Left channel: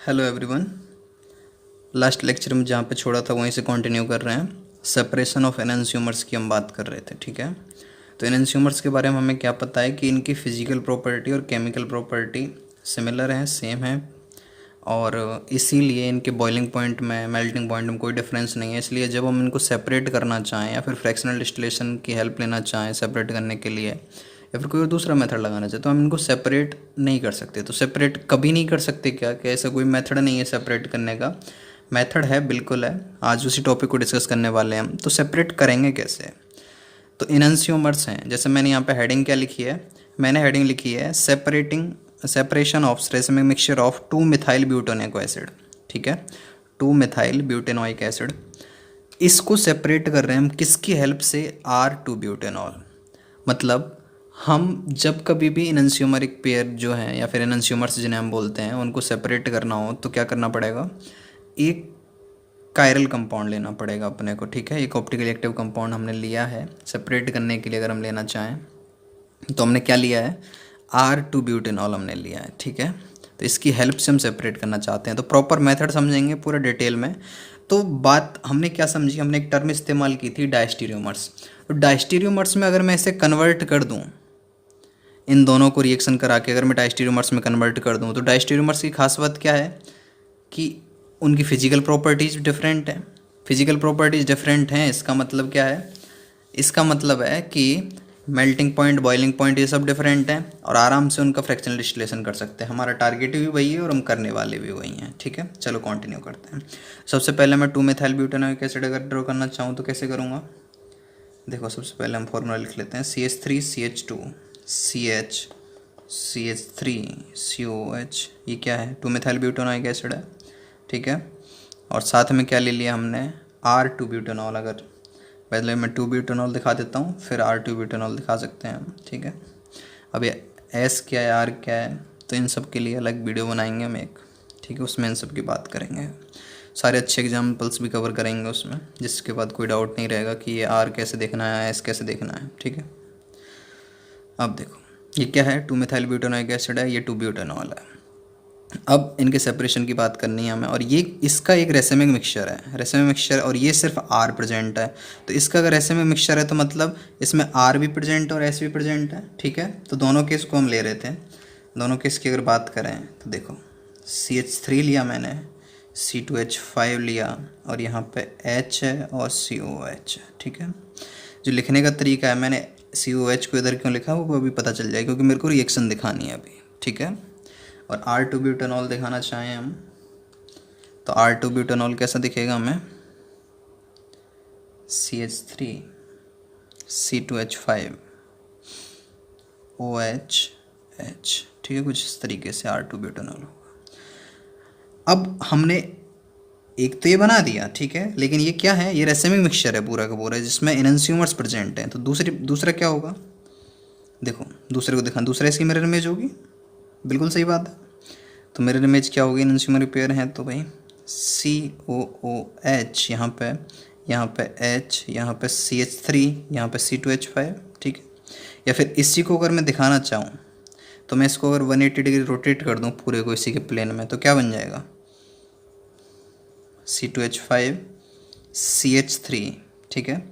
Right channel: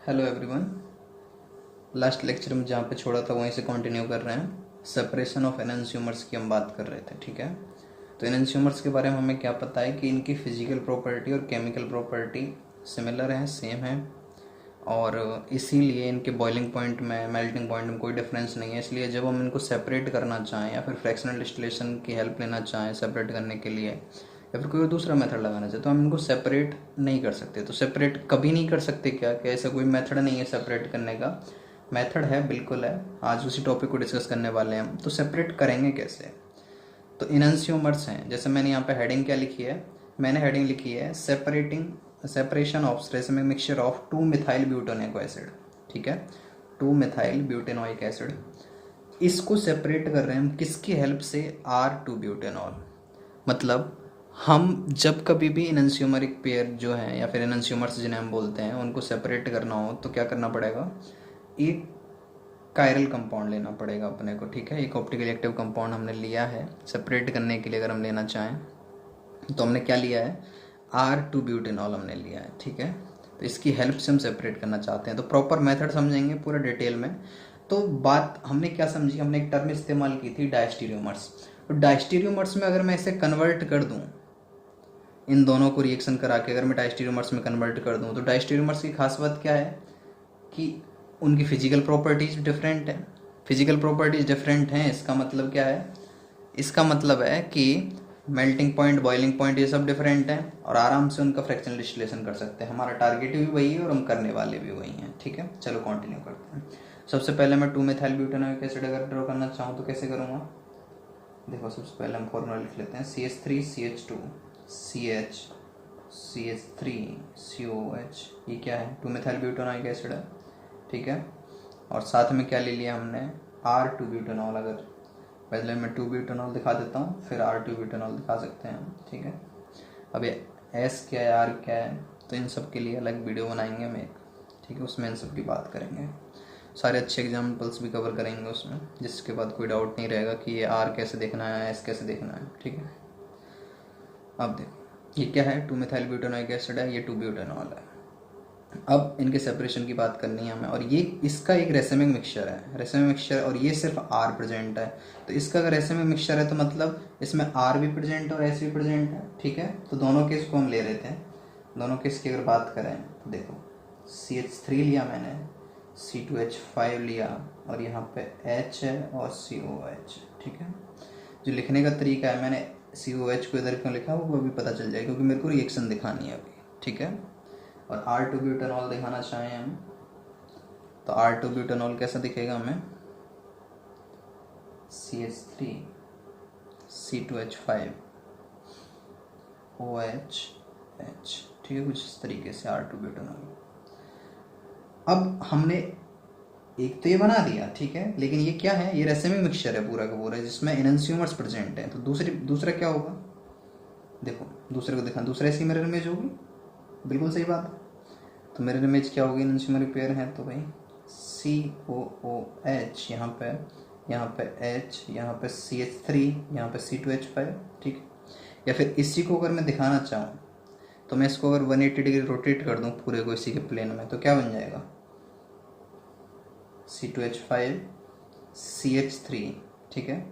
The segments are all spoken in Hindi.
Hello everyone. लास्ट लेक्चर में जहाँ पे छोड़ा था वहीं से कंटिन्यू कर रहे हैं। सेपरेशन ऑफ एनंसियोमर्स की हम बात कर रहे थे, ठीक है। तो एनंसियोमर्स के बारे में हमें क्या पता है कि इनकी फिजिकल प्रॉपर्टी और केमिकल प्रॉपर्टी सिमिलर हैं, सेम है, और इसीलिए इनके बॉइलिंग पॉइंट में, मेल्टिंग पॉइंट में कोई डिफरेंस नहीं है। इसलिए जब हम इनको सेपरेट करना चाहें या फिर फ्रैक्शनल डिस्टिलेशन की हेल्प लेना चाहें सेपरेट करने के लिए, या फिर कोई दूसरा मेथड लगाना चाहे, तो हम इनको सेपरेट नहीं कर सकते। तो सेपरेट कभी नहीं कर सकते क्या? कि ऐसा कोई मेथड नहीं है सेपरेट करने का? मेथड है, बिल्कुल है। आज उसी टॉपिक को डिस्कस करने वाले हैं हम। तो सेपरेट करेंगे कैसे? तो इनन्सियोमर्स हैं। जैसे मैंने यहाँ पे हेडिंग क्या लिखी है, मैंने हेडिंग लिखी है separation of racemic mixture of 2 methyl butanoic acid, ठीक है। 2 मिथाइल ब्यूटेनोइक एसिड, इसको सेपरेट कर रहे हैं हम किसकी हेल्प से? R2 butanol. मतलब हम जब कभी भी इनन्सियोमरिक पेयर जो हैं या फिर इनन्सियोमर्स जिन्हें हम बोलते हैं, उनको सेपरेट करना हो तो क्या करना पड़ेगा? एक कायरल कंपाउंड लेना पड़ेगा अपने को, ठीक है। एक ऑप्टिकली एक्टिव कंपाउंड हमने लिया है सेपरेट करने के लिए। अगर हम लेना चाहें तो हमने क्या लिया है? R2 ब्यूटेनॉल हमने लिया है, ठीक है। तो इसकी हेल्प से हम सेपरेट करना चाहते हैं। तो प्रॉपर मेथड समझेंगे पूरा डिटेल में। तो बात हमने क्या समझी, हमने एक टर्म इस्तेमाल की थी, डायस्टीरियोमर्स। तो डायस्टीरियोमर्स में अगर मैं इसे कन्वर्ट कर दूं, इन दोनों को रिएक्शन करा के अगर मैं डायस्टीरियोमर्स में कन्वर्ट कर दूं, तो डायस्टीरियोमर्स की खास बात क्या है कि उनकी फिजिकल प्रॉपर्टीज डिफरेंट हैं। फिजिकल प्रॉपर्टीज डिफरेंट हैं, इसका मतलब क्या है? इसका मतलब है कि मेल्टिंग पॉइंट, बॉइलिंग पॉइंट, ये सब डिफरेंट हैं, और आराम से उनका फ्रैक्शनल डिस्टिलेशन कर सकते हैं। हमारा टारगेट भी वही है और हम करने वाले भी वही हैं, ठीक है। चलो कंटिन्यू करते हैं। सबसे पहले मैं 2 मिथाइल ब्यूटेनोइक एसिड अगर ड्रॉ करना चाहूँ तो कैसे करूँगा? देखो, सबसे पहले हम फॉर्मूला लिख लेते हैं, CH3CH2 CH CH3 COH। ये क्या है? 2 मिथाइल ब्यूटेनोइक एसिड है, ठीक है। और साथ में क्या ले लिया हमने? R2 butanol. अगर पहले मैं 2 ब्यूटेनॉल दिखा देता हूँ, फिर R2 ब्यूटेनॉल दिखा सकते हैं हम, ठीक है। अब ये S क्या है, R क्या है, तो इन सब के लिए अलग वीडियो बनाएंगे हम एक, ठीक है। उसमें इन सब की बात करेंगे, सारे अच्छे एग्जाम्पल्स भी कवर करेंगे उसमें, जिसके बाद कोई डाउट नहीं रहेगा कि ये R कैसे देखना है, S कैसे देखना है, ठीक है। अब देखो, ये क्या है? 2 मिथाइल ब्यूटेनोइक एसिड है, ये 2 ब्यूटेनॉल है। अब इनके सेपरेशन की बात करनी है हमें, और ये इसका एक रेसिमिक मिक्सचर है, रेसिमिक मिक्सचर, और ये सिर्फ R प्रेजेंट है। तो इसका अगर रेसिमिक मिक्सचर है तो मतलब इसमें R भी प्रेजेंट है और S भी प्रेजेंट है, ठीक है। तो दोनों केस को हम ले रहे थे। दोनों केस की अगर बात करें तो देखो, CH3 लिया मैंने, C2H5 लिया, और यहाँ पे H है और COH है, ठीक है। जो लिखने का तरीका है, मैंने COH को इधर क्यों लिखा वो अभी पता चल जाए, क्योंकि मेरे को रिएक्शन दिखानी है अभी, ठीक है। और R2 ब्यूटेनॉल दिखाना चाहें हम, तो R2 ब्यूटेनॉल कैसा दिखेगा हमें? CH3 C2H5 OH H, ठीक है। कुछ इस तरीके से R2 ब्यूटेनॉल। अब हमने एक तो ये बना दिया, ठीक है, लेकिन ये क्या है? ये रेसिमिक मिक्सचर है पूरा का पूरा, जिसमें इनन्सियोमर्स प्रेजेंट हैं। तो दूसरा क्या होगा? देखो, दूसरे को दिखा, दूसरा इसकी मिरर इमेज होगी, बिल्कुल सही बात है। तो मिरर इमेज क्या होगी? इनन्सियोमर पेयर हैं तो भाई COOH, यहाँ पे H, यहाँ पे CH3, यहाँ पे C2H5, ठीक है। या फिर इसी को अगर मैं दिखाना चाहूँ तो मैं इसको अगर 180 डिग्री रोटेट कर दूँ पूरे को इसी के प्लेन में, तो क्या बन जाएगा? C2H5 CH3, ठीक है।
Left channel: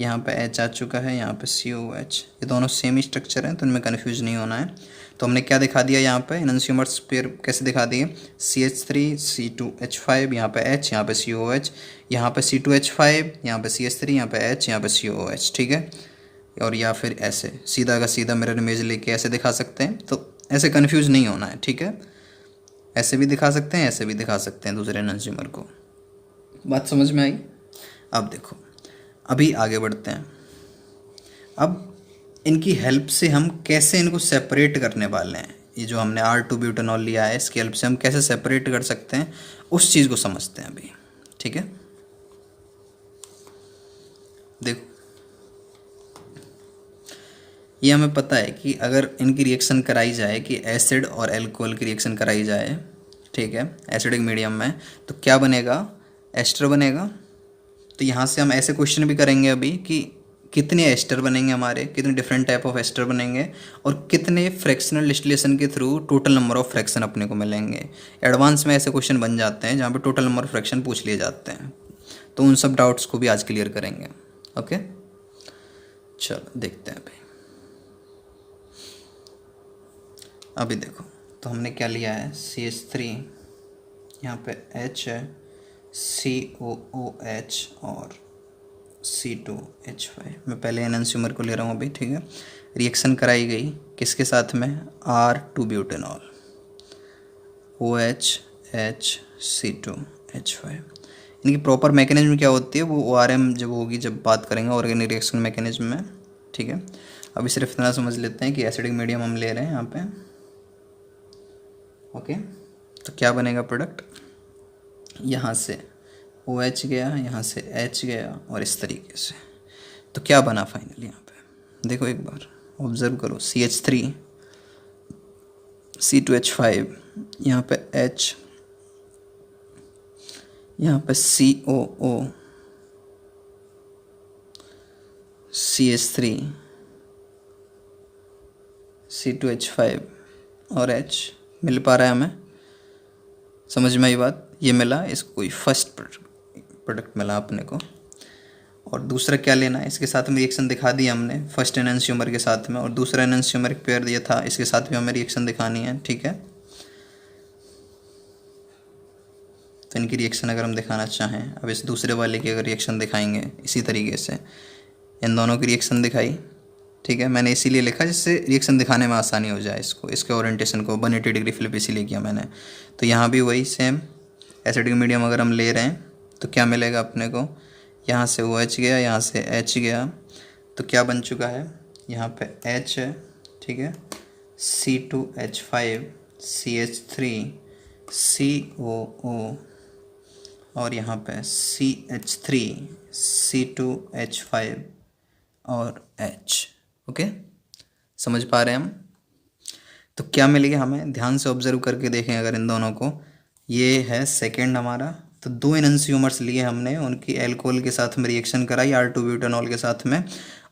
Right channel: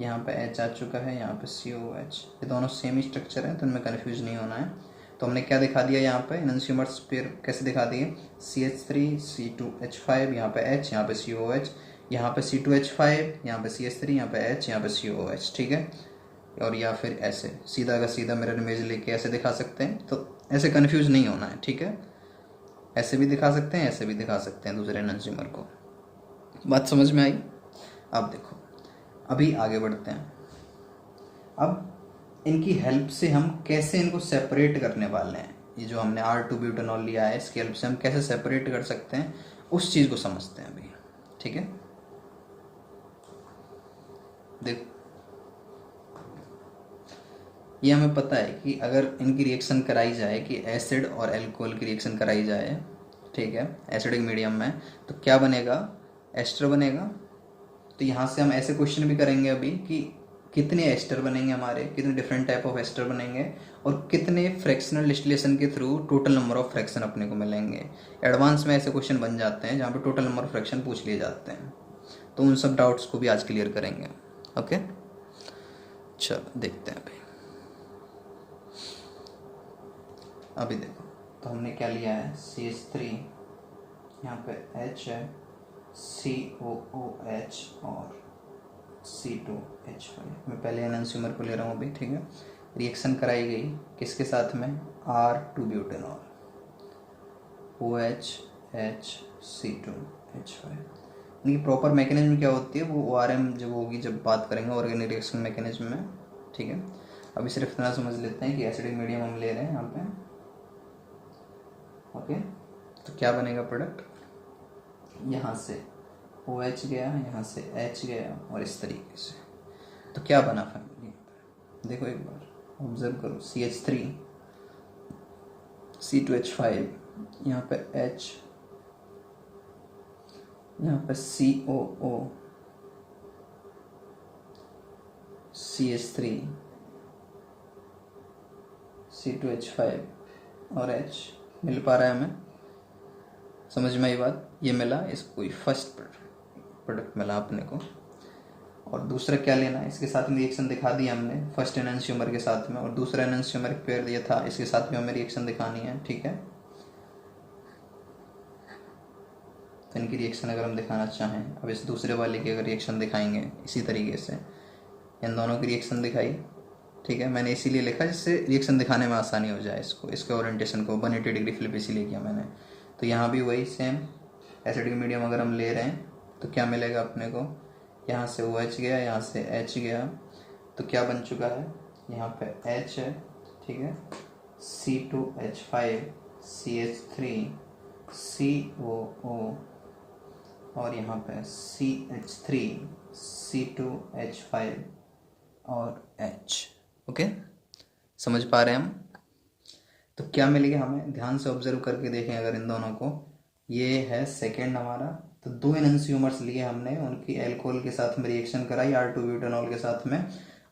यहाँ पे H आ चुका है, यहाँ पे COH। ये दोनों सेम ही स्ट्रक्चर हैं, तो इनमें कन्फ्यूज नहीं होना है। तो हमने क्या दिखा दिया यहाँ पे? इनन्सियोमर्स पेयर कैसे दिखा दिए? CH3 C2H5, यहाँ पे H, यहाँ पे COH, यहाँ पे C2H5, यहाँ पे CH3, यहाँ पे H, यहाँ पे COH, ठीक है। और या फिर ऐसे सीधा का सीधा मिरर इमेज लेके ऐसे दिखा सकते हैं, तो ऐसे कन्फ्यूज नहीं होना है, ठीक है। ऐसे भी दिखा सकते हैं, ऐसे भी दिखा सकते हैं दूसरे इनन्सियोमर को। बात समझ में आई? अब देखो, अभी आगे बढ़ते हैं। अब इनकी हेल्प से हम कैसे इनको सेपरेट करने वाले हैं? ये जो हमने R2 ब्यूटेनॉल लिया है, इसकी हेल्प से हम कैसे सेपरेट कर सकते हैं, उस चीज़ को समझते हैं अभी, ठीक है। देखो, ये हमें पता है कि अगर इनकी रिएक्शन कराई जाए, कि एसिड और एल्कोहल की रिएक्शन कराई जाए, ठीक है, एसिडिक मीडियम में, तो क्या बनेगा? एस्टर बनेगा। तो यहाँ से हम ऐसे क्वेश्चन भी करेंगे अभी कि कितने एस्टर बनेंगे हमारे, कितने डिफरेंट टाइप ऑफ एस्टर बनेंगे, और कितने फ्रैक्शनल डिस्टिलेशन के through total number of fraction अपने को मिलेंगे। एडवांस में ऐसे क्वेश्चन बन जाते हैं जहाँ पे टोटल नंबर ऑफ फ्रैक्शन पूछ लिए जाते हैं। तो उन सब डाउट्स को भी आज क्लियर करेंगे। ओके, चलो देखते हैं भाई। अभी देखो, तो हमने क्या लिया है, CH3, यहाँ पे H है, COOH और C2H5। मैं पहले एनंसियोमर को ले रहा हूँ अभी, ठीक है। रिएक्शन कराई गई किसके साथ में, R2 butanol, OH H C2H5। इनकी प्रॉपर मैकेनिज्म क्या होती है, वो ORM जब होगी, जब बात करेंगे ऑर्गेनिक रिएक्शन मैकेनिज्म में, ठीक है। अभी सिर्फ इतना समझ लेते हैं कि एसिडिक मीडियम हम ले रहे हैं यहाँ पे। ओके, तो क्या बनेगा प्रोडक्ट, यहाँ से OH गया, यहाँ से H गया, और इस तरीके से। तो क्या बना फाइनली, यहाँ पे देखो एक बार ऑब्जर्व करो, CH3 C2H5, यहाँ पे H, यहाँ पे COO CH3 C2H5 और H मिल पा रहा है हमें, समझ में आई बात, ये मिला, इसको कोई फर्स्ट प्रोडक्ट मिला अपने को। और दूसरा क्या लेना है, इसके साथ में रिएक्शन दिखा दिया हमने फर्स्ट एनंसियोमर के साथ में, और दूसरा एनंसियोमर एक पेयर दिया था, इसके साथ भी हमें रिएक्शन दिखानी है, ठीक है। तो इनकी रिएक्शन अगर हम दिखाना चाहें, अब इस दूसरे वाले की अगर रिएक्शन दिखाएंगे इसी तरीके से, इन दोनों की रिएक्शन दिखाई, ठीक है। मैंने इसीलिए लिखा जिससे रिएक्शन दिखाने में आसानी हो जाए, इसको, इसके ओरिएंटेशन को 180 डिग्री फ्लिप इसीलिए किया मैंने। तो यहाँ भी वही सेम एसिडिक मीडियम अगर हम ले रहे हैं तो क्या मिलेगा अपने को, यहाँ से OH गया, यहाँ से H गया, तो क्या बन चुका है, यहाँ पे H है, ठीक है, C2H5 CH3 COO, और यहाँ पे CH3 C2H5 और H। ओके, समझ पा रहे हैं हम। तो क्या मिलेगा हमें, ध्यान से ऑब्जर्व करके देखें अगर इन दोनों को, ये है सेकंड हमारा, तो दो एनंसियोमर्स लिए हमने, उनकी एल्कोहल के साथ में रिएक्शन कराई R2 ब्यूटेनॉल के साथ में,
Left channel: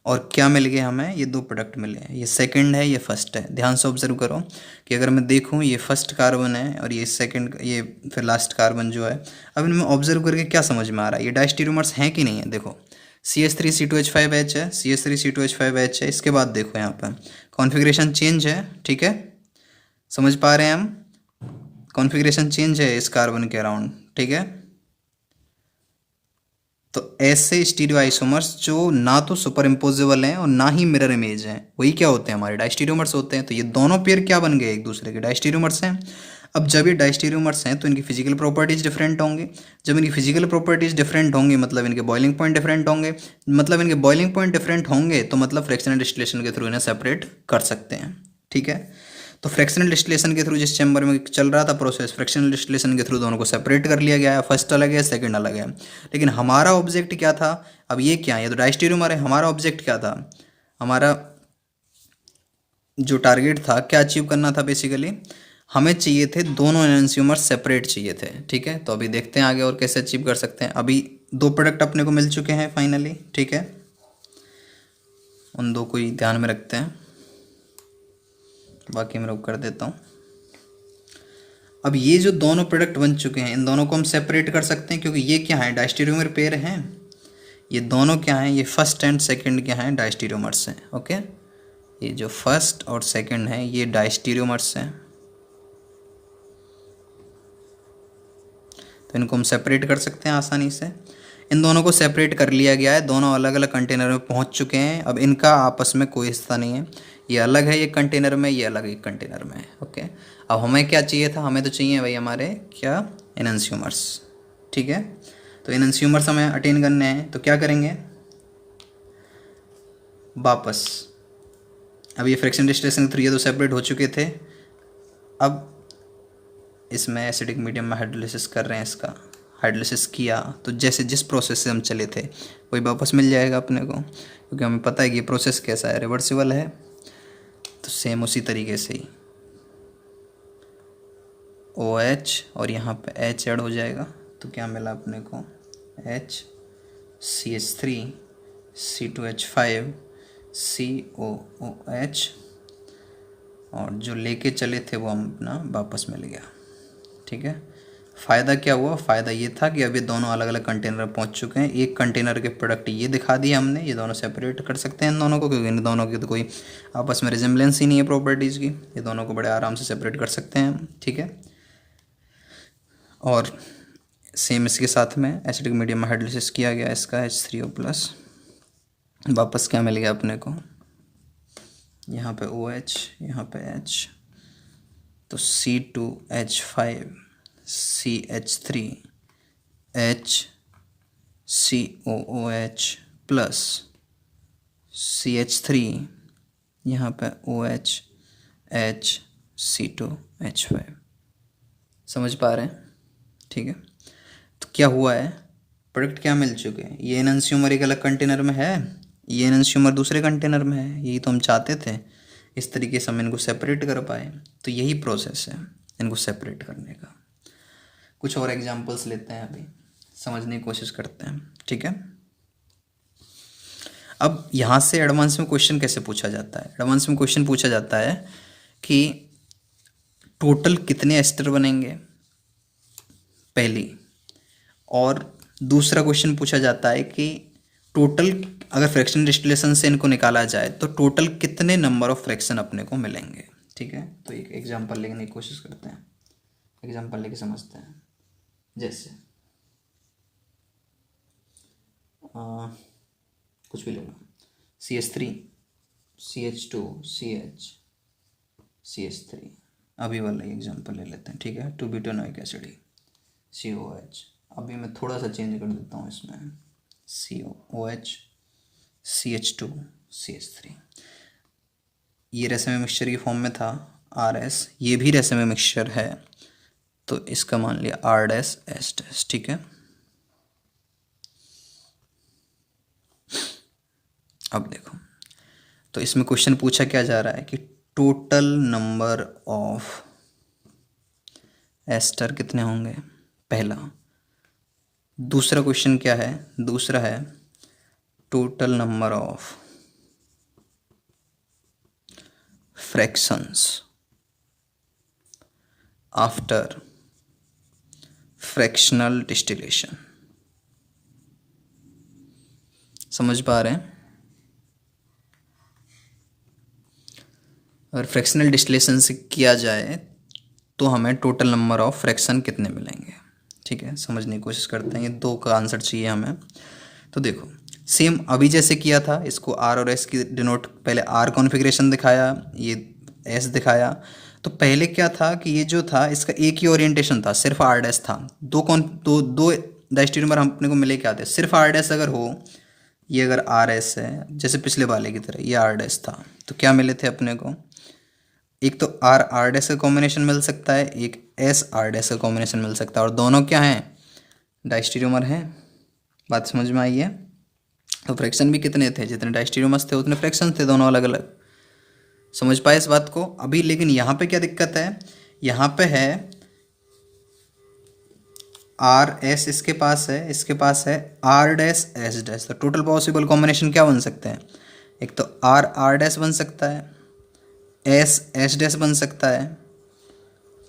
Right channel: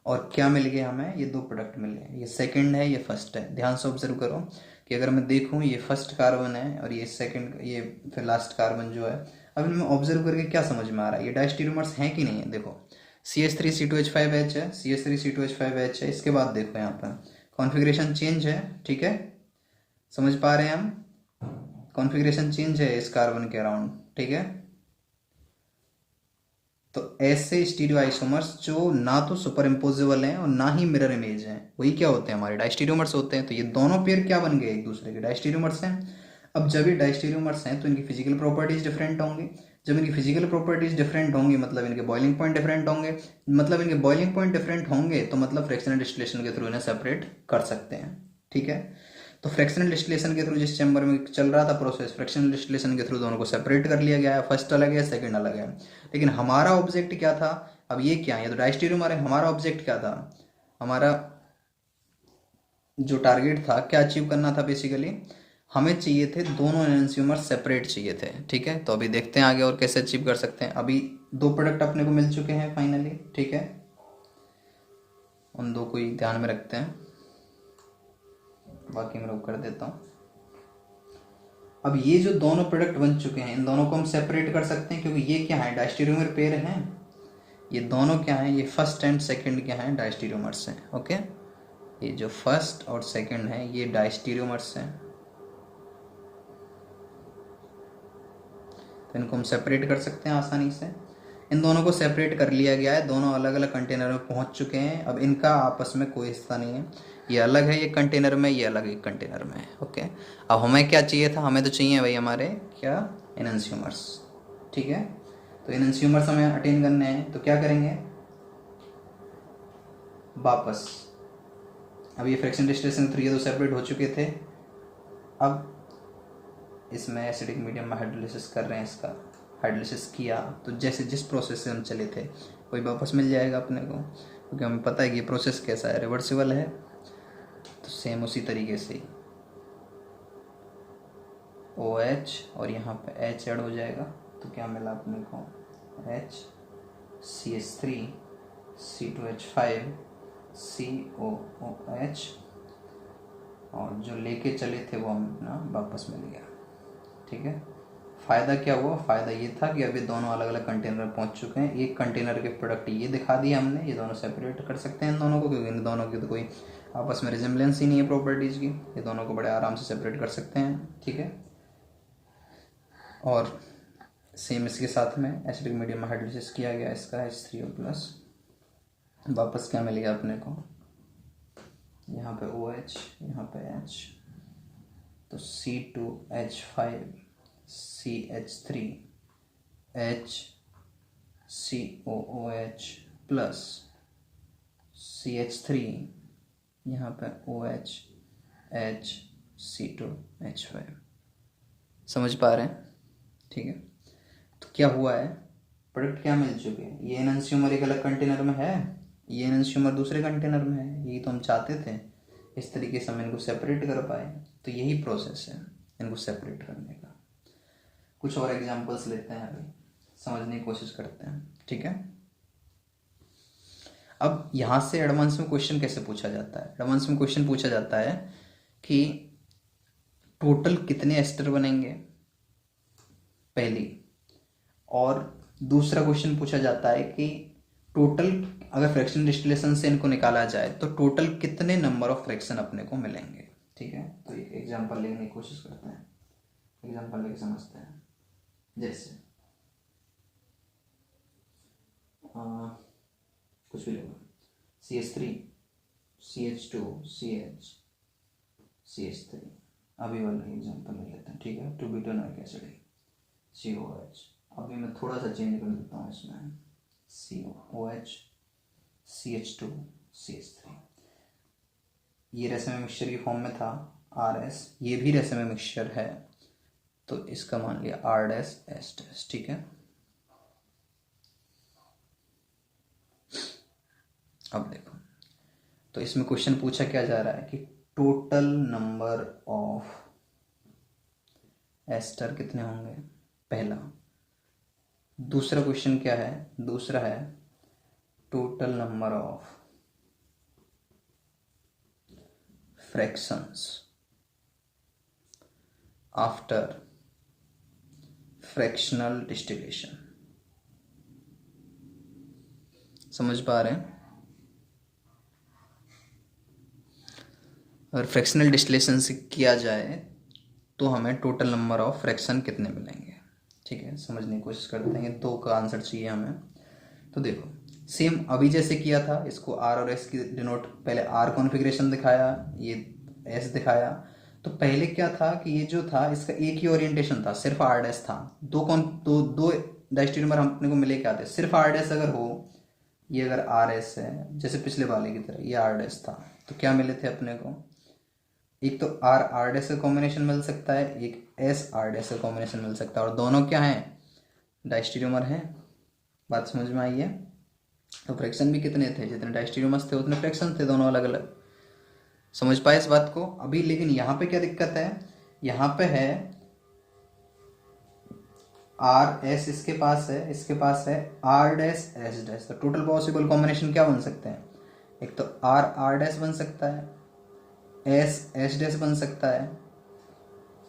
और क्या मिल गया हमें, ये दो प्रोडक्ट मिले, ये सेकंड है, ये फर्स्ट है। ध्यान से ऑब्जर्व करो कि अगर मैं देखूँ, ये फर्स्ट कार्बन है और ये सेकंड, ये फिर लास्ट कार्बन जो है। अब इनमें ऑब्जर्व करके क्या समझ में आ रहा है, ये डायस्टीरियोमर्स हैं कि नहीं है। देखो CH3 C2H5H है, CH3 C2H5H है। इसके बाद देखो यहाँ पर कॉन्फ़िगरेशन चेंज है, ठीक है, समझ पा रहे हैं हम, कॉन्फ़िगरेशन चेंज है इस कार्बन के अराउंड, ठीक है। तो ऐसे स्टीरियो आइसोमर्स जो ना तो सुपर इम्पोजेबल हैं और ना ही मिरर इमेज हैं, वही क्या होते हैं, हमारे डायस्टीरियोमर्स होते हैं। तो ये दोनों पेयर क्या बन गए, एक दूसरे के डायस्टीरियोमर्स हैं। अब जब ये डायस्टीरियोमर्स हैं तो इनकी फिजिकल प्रॉपर्टीज़ डिफरेंट होंगी। जब इनकी फिजिकल प्रॉपर्टीज़ डिफरेंट होंगी मतलब इनके बॉइलिंग पॉइंट डिफरेंट होंगे, मतलब इनके बॉइलिंग पॉइंट डिफरेंट होंगे तो मतलब फ्रैक्शनल डिस्टिलेशन के थ्रू इन्हें सेपरेट कर सकते हैं, ठीक है। तो फ्रैक्शनल डिस्टिलेशन के थ्रू जिस चैम्बर में चल रहा था प्रोसेस, फ्रैक्शनल डिस्टिलेशन के थ्रू दोनों को सेपरेट कर लिया गया है, फर्स्ट अलग है, सेकंड अलग है। लेकिन हमारा ऑब्जेक्ट क्या था, अब ये क्या है, ये तो डायस्टीरियोमर है, हमारा ऑब्जेक्ट क्या था, हमारा जो टारगेट था, क्या अचीव करना था बेसिकली, हमें चाहिए थे दोनों एनंसियोमर सेपरेट चाहिए थे, ठीक है। तो अभी देखते हैं आगे और कैसे अचीव कर सकते हैं। अभी दो प्रोडक्ट अपने को मिल चुके हैं फाइनली, ठीक है, उन दो को ही ध्यान में रखते हैं, बाकी मैं रोक कर देता हूँ। अब ये जो दोनों प्रोडक्ट बन चुके हैं, इन दोनों को हम सेपरेट कर सकते हैं, क्योंकि ये क्या है, डायस्टीरियोमर पेयर हैं। ये दोनों क्या हैं, ये फर्स्ट एंड सेकंड क्या हैं, डायस्टीरियोमर्स हैं, ओके। ये जो फर्स्ट और सेकंड है ये डायस्टीरियोमर्स हैं, तो इनको हम सेपरेट कर सकते हैं आसानी से। इन दोनों को सेपरेट कर लिया गया है, दोनों अलग अलग कंटेनर में पहुंच चुके हैं। अब इनका आपस में कोई हिस्सा नहीं है, ये अलग है, ये कंटेनर में, ये अलग एक कंटेनर में है, ओके। अब हमें क्या चाहिए था, हमें तो चाहिए भाई हमारे क्या, एनंसियोमर्स, ठीक है। तो एनंसियोमर्स हमें अटेन करने हैं, तो क्या करेंगे, वापस, अब ये फ्रैक्शन डिस्टिलेशन के थ्रू ये तो सेपरेट हो चुके थे, अब इसमें एसिडिक मीडियम में हाइड्रोलिसिस कर रहे हैं, इसका हाइड्रोलिसिस किया तो जैसे जिस प्रोसेस से हम चले थे वही वापस मिल जाएगा अपने को, क्योंकि हमें पता है कि ये प्रोसेस कैसा है, रिवर्सिबल है। तो सेम उसी तरीके से ही OH और यहाँ पे H ऐड हो जाएगा, तो क्या मिला अपने को, H CH3 C2H5 COOH, और जो लेके चले थे वो हम अपना वापस मिल गया। ठीक है, फ़ायदा क्या हुआ? फ़ायदा ये था कि अब ये दोनों अलग अलग कंटेनर पहुंच चुके हैं। एक कंटेनर के प्रोडक्ट ये दिखा दिए हमने, ये दोनों सेपरेट कर सकते हैं इन दोनों को, क्योंकि इन दोनों की तो कोई आपस में रिजेम्बलेंस ही नहीं है प्रॉपर्टीज़ की। ये दोनों को बड़े आराम से सेपरेट कर सकते हैं। ठीक है, और सेम इसके साथ में एसिडिक मीडियम में हाइड्रोलिसिस किया गया इसका H3O+, वापस क्या मिल गया अपने को? यहाँ पे OH, यहाँ पे H, तो C2H5 CH3 HCOOH plus CH3, यहाँ पे OH H C2H5। समझ पा रहे हैं? ठीक है, तो क्या हुआ है, प्रोडक्ट क्या मिल चुके हैं। ये एनंसियोमर एक अलग कंटेनर में है, ये एनंसियोमर दूसरे कंटेनर में है। यही तो हम चाहते थे, इस तरीके से हम इनको सेपरेट कर पाए। तो यही प्रोसेस है इनको सेपरेट करने का। कुछ और एग्जांपल्स लेते हैं, अभी समझने की कोशिश करते हैं। ठीक है, अब यहाँ से एडवांस में क्वेश्चन कैसे पूछा जाता है? एडवांस में क्वेश्चन पूछा जाता है कि टोटल कितने एस्टर बनेंगे, पहली, और दूसरा क्वेश्चन पूछा जाता है कि टोटल अगर फ्रैक्शन डिस्टिलेशन से इनको निकाला जाए तो टोटल कितने नंबर ऑफ फ्रैक्शन अपने को मिलेंगे। ठीक है, तो एक एग्जांपल लेने की कोशिश करते हैं, एग्जांपल लेके समझते हैं। जैसे कुछ भी लेना, CH3 CH2 CH CH3, अभी वाला एग्जांपल ले लेते हैं। ठीक है, 2-ब्यूटानोइक एसिड COOH। अभी मैं थोड़ा सा चेंज कर देता हूँ इसमें, COOH CH2 CH3। ये रेसमे मिक्सचर की फॉर्म में था RS, ये भी रेसमे मिक्सचर है, तो इसका मान लिया R'(S'). ठीक है, अब देखो, तो इसमें क्वेश्चन पूछा क्या जा रहा है कि टोटल नंबर ऑफ एस्टर कितने होंगे, पहला। दूसरा क्वेश्चन क्या है? दूसरा है total number of fractions after fractional distillation. समझ पा रहे हैं? अगर फ्रैक्शनल डिस्टिलेशन से किया जाए तो हमें टोटल नंबर ऑफ फ्रैक्शन कितने मिलेंगे। ठीक है, समझने की कोशिश करते हैं। ये दो का आंसर चाहिए हमें। तो देखो, सेम अभी जैसे किया था, इसको R और S की डिनोट, पहले R कॉन्फ़िगरेशन दिखाया, ये S दिखाया। तो पहले क्या था कि ये जो था इसका एक ही ओरिएंटेशन था, सिर्फ R' था। दो डायस्टेरियोमर हम अपने को मिले क्या थे, सिर्फ R' अगर हो, ये अगर RS है जैसे पिछले वाले की तरह, ये R' था, तो क्या मिले थे अपने को, एक तो R का कॉम्बिनेशन मिल सकता है, एक S R का कॉम्बिनेशन मिल सकता है, और दोनों क्या हैं, डायस्टेरियोमर हैं। बात समझ में आई है? तो फ्रैक्शन भी कितने थे, जितने डायस्टेरियोमर्स थे उतने फ्रैक्शन थे, दोनों अलग अलग। समझ पाए इस बात को? अभी लेकिन यहाँ पे क्या दिक्कत है, यहाँ पे है RS इसके पास है, इसके पास है R'(S'). तो टोटल पॉसिबल कॉम्बिनेशन क्या बन सकते हैं, एक तो R बन सकता है, S बन सकता है,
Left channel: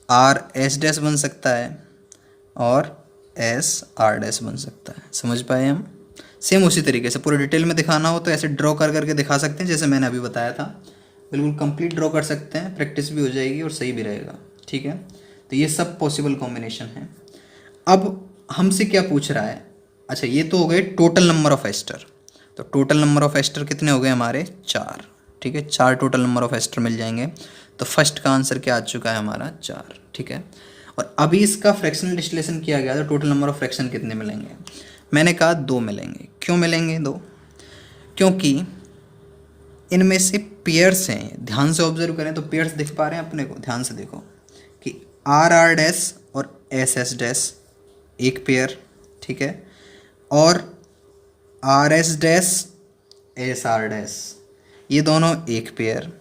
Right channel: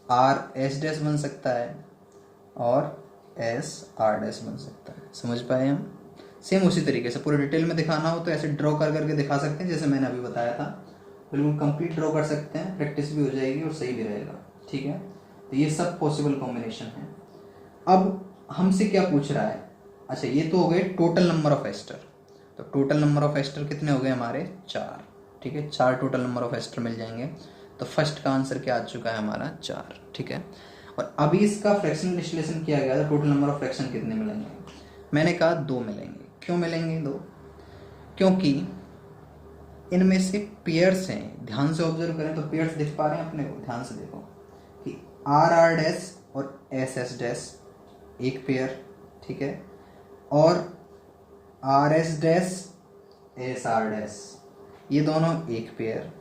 R बन सकता है, और S बन सकता है। समझ पाए हम? सेम उसी तरीके से पूरे डिटेल में दिखाना हो तो ऐसे ड्रॉ कर करके दिखा सकते हैं, जैसे मैंने अभी बताया था। बिल्कुल कंप्लीट ड्रॉ कर सकते हैं, प्रैक्टिस भी हो जाएगी और सही भी रहेगा। ठीक है, तो ये सब पॉसिबल कॉम्बिनेशन है। अब हमसे क्या पूछ रहा है, अच्छा ये तो हो गए टोटल नंबर ऑफ एस्टर। तो टोटल नंबर ऑफ एस्टर कितने हो गए हमारे, 4। ठीक है, 4 टोटल नंबर ऑफ एस्टर मिल जाएंगे। तो फर्स्ट का आंसर क्या आ चुका है हमारा, 4। ठीक है, और अभी इसका फ्रैक्शनल डिस्टिलेशन किया गया था, टोटल नंबर ऑफ फ्रैक्शन कितने मिलेंगे, मैंने कहा 2 मिलेंगे। क्यों मिलेंगे 2? क्योंकि इनमें से पेयर्स हैं, ध्यान से ऑब्जर्व करें तो पेयर्स दिख पा रहे हैं अपने को, ध्यान से देखो कि R और S एक पेयर, ठीक है, और RS SR ये दोनों एक पेयर।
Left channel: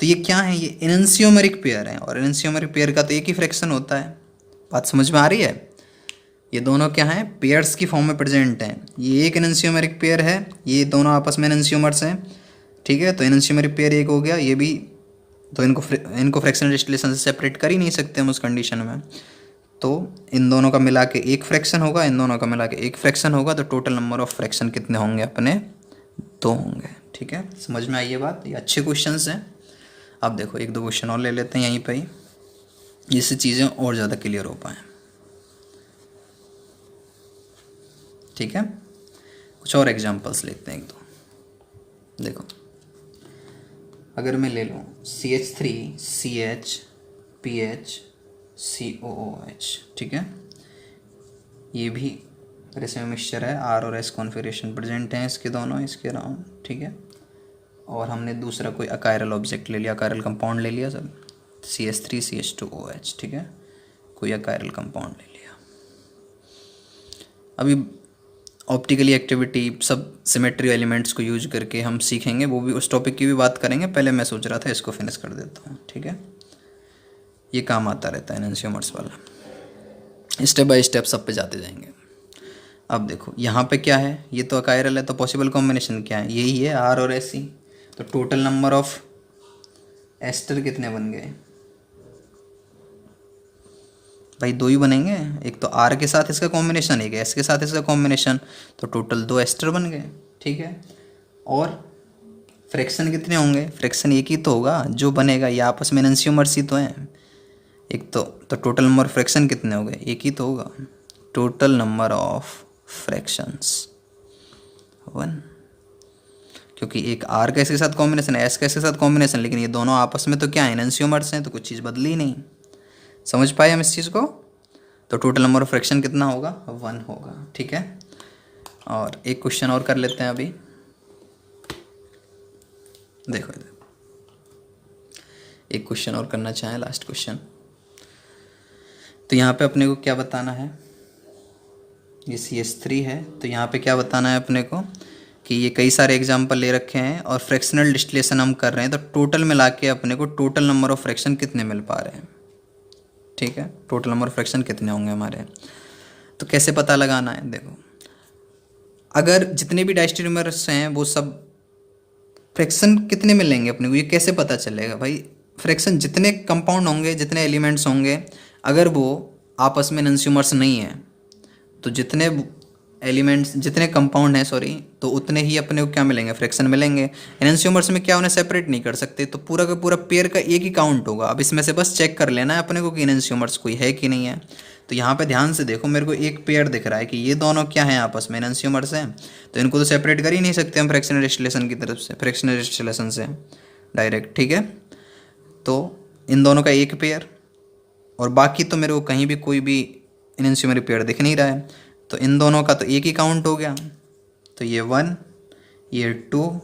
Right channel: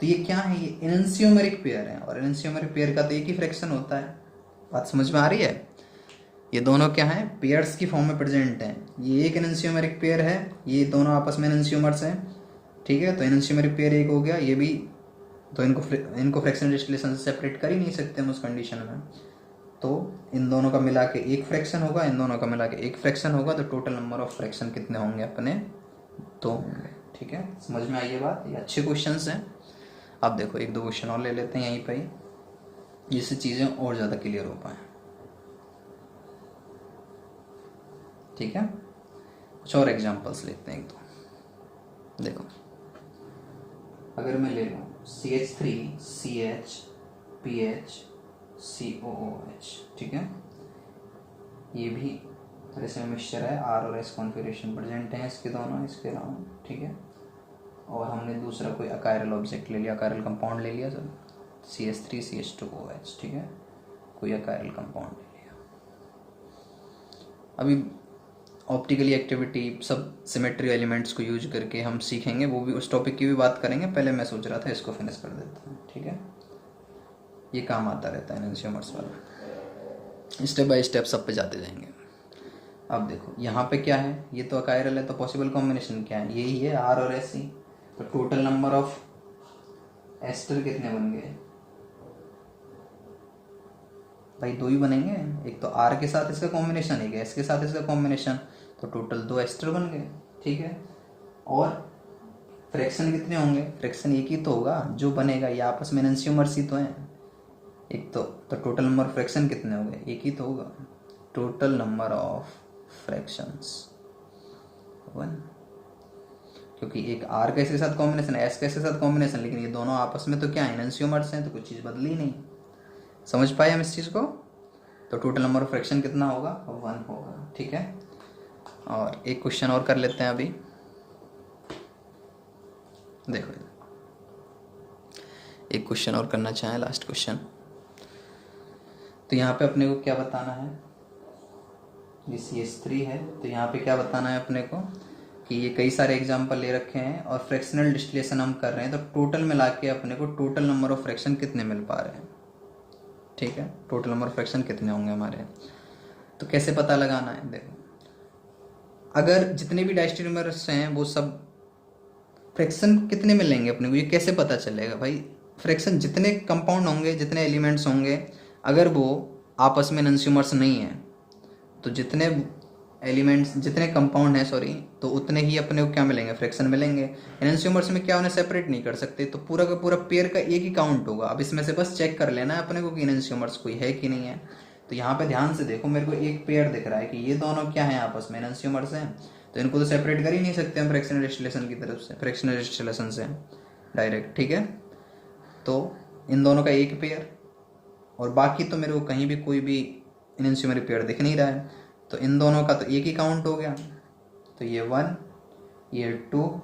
तो ये क्या है, ये एनंसियोमेरिक पेयर है, और एनंसियोमेरिक पेयर का तो एक ही फ्रैक्शन होता है। बात समझ में आ रही है? ये दोनों क्या हैं, पेयर्स की फॉर्म में प्रेजेंट हैं। ये एक एनंशियोमेरिक पेयर है, ये दोनों आपस में एनंशियोमर्स हैं, ठीक है। तो एनंशियोमेरिक पेयर एक हो गया, ये भी। तो इनको फ्रैक्शनल डिस्टिलेशन से सेपरेट कर ही नहीं सकते हम उस कंडीशन में। तो इन दोनों का मिला के एक फ्रैक्शन होगा, इन दोनों का मिला के एक फ्रैक्शन होगा, तो टोटल नंबर ऑफ फ्रैक्शन कितने होंगे अपने, 2 होंगे, ठीक है। समझ में आई ये बात, ये अच्छे क्वेश्चंस हैं। अब देखो एक दो क्वेश्चन और ले लेते हैं यहीं पे ही, जिससे चीज़ें और ज़्यादा क्लियर हो पाएँ, ठीक है। कुछ और एग्जांपल्स लेते हैं एक दो। देखो अगर मैं ले लूँ CH3CHPH COOH, ठीक है। ये भी रेसिम मिक्सचर है, R और S कॉन्फ़िगरेशन प्रेजेंट हैं इसके दोनों, इसके अराउंड, ठीक है। और हमने दूसरा कोई अकायरल ऑब्जेक्ट ले लिया, अकायरल कंपाउंड ले लिया सब, CH3CH2OH, ठीक है। कोई अकायरल कंपाउंड ले लिया। अभी ऑप्टिकली एक्टिविटी सब सिमेट्री एलिमेंट्स को यूज करके हम सीखेंगे, वो भी उस टॉपिक की भी बात करेंगे। पहले मैं सोच रहा था इसको फिनिश कर देता हूँ, ठीक है। ये काम आता रहता है एनंशियोमर्स वाला, स्टेप बाय स्टेप सब पे जाते जाएंगे। अब देखो यहाँ पे क्या है, ये तो अकायरल है, तो पॉसिबल कॉम्बिनेशन क्या है, यही है R और SE। तो टोटल नंबर ऑफ एस्टर कितने बन गए भाई, 2 ही बनेंगे। एक तो R के साथ इसका कॉम्बिनेशन, एक S के साथ इसका कॉम्बिनेशन, तो टोटल 2 एस्टर बन गए, ठीक है। और फ्रैक्शन कितने होंगे, फ्रैक्शन एक ही तो होगा जो बनेगा, ये आपस में एनंशियोमर्स ही तो हैं। एक तो टोटल नंबर फ्रैक्शन कितने हो गए, एक ही तो होगा। टोटल नंबर ऑफ फ्रैक्शंस 1, क्योंकि एक R का इसके साथ कॉम्बिनेशन है, S का इसके साथ कॉम्बिनेशन, लेकिन ये दोनों आपस में तो क्या है, एनंशियोमर्स हैं, तो कुछ चीज़ बदली नहीं। समझ पाए हम इस चीज़ को। तो टोटल नंबर ऑफ फ्रैक्शन कितना होगा, 1 होगा, ठीक है। और एक क्वेश्चन और कर लेते हैं अभी। देखो इधर एक क्वेश्चन और करना चाहें, लास्ट क्वेश्चन। तो यहाँ पे अपने को क्या बताना है, ये CH3 है, तो यहाँ पे क्या बताना है अपने को कि ये कई सारे एग्जाम्पल ले रखे हैं और फ्रैक्शनल डिस्टिलेशन हम कर रहे हैं, तो टोटल मिला के अपने को टोटल नंबर ऑफ फ्रैक्शन कितने मिल पा रहे हैं, ठीक है। टोटल नंबर ऑफ फ्रैक्शन कितने होंगे हमारे, तो कैसे पता लगाना है। देखो अगर जितने भी डायस्टेरियोमर्स हैं वो सब फ्रैक्शन कितने मिलेंगे अपने को, ये कैसे पता चलेगा भाई। फ्रैक्शन जितने कंपाउंड होंगे, जितने एलिमेंट्स होंगे, अगर वो आपस में एनंशियोमर्स नहीं है, तो जितने एलिमेंट्स, जितने कंपाउंड हैं सॉरी, तो उतने ही अपने को क्या मिलेंगे, फ्रैक्शन मिलेंगे। एनंशियोमर्स में क्या उन्हें सेपरेट नहीं कर सकते, तो पूरा का पूरा पेयर का एक ही काउंट होगा। अब इसमें से बस चेक कर लेना है अपने को कि एनंशियोमर्स कोई है कि नहीं है। तो यहाँ पे ध्यान से देखो, मेरे को एक पेयर दिख रहा है कि ये दोनों क्या हैं, आपस में एनंशियोमर्स हैं, तो इनको तो सेपरेट कर ही नहीं सकते हम फ्रैक्शनल डिस्टिलेशन की तरफ से, फ्रैक्शनल डिस्टिलेशन से डायरेक्ट, ठीक है। तो इन दोनों का एक पेयर, और बाकी तो मेरे को कहीं भी कोई भी एनंशियोमरिक पेयर दिख नहीं रहा है, तो इन दोनों का तो एक ही काउंट हो गया। तो ये 1, ये 2,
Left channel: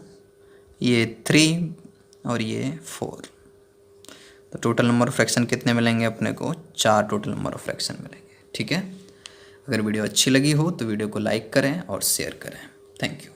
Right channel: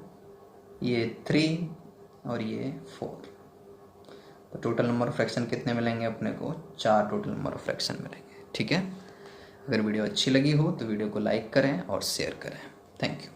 ये 3 और ये 4। तो टोटल नंबर ऑफ फ्रैक्शन कितने मिलेंगे अपने को, 4 टोटल नंबर ऑफ फ्रैक्शन मिलेंगे, ठीक है। अगर वीडियो अच्छी लगी हो तो वीडियो को लाइक करें और शेयर करें। Thank you.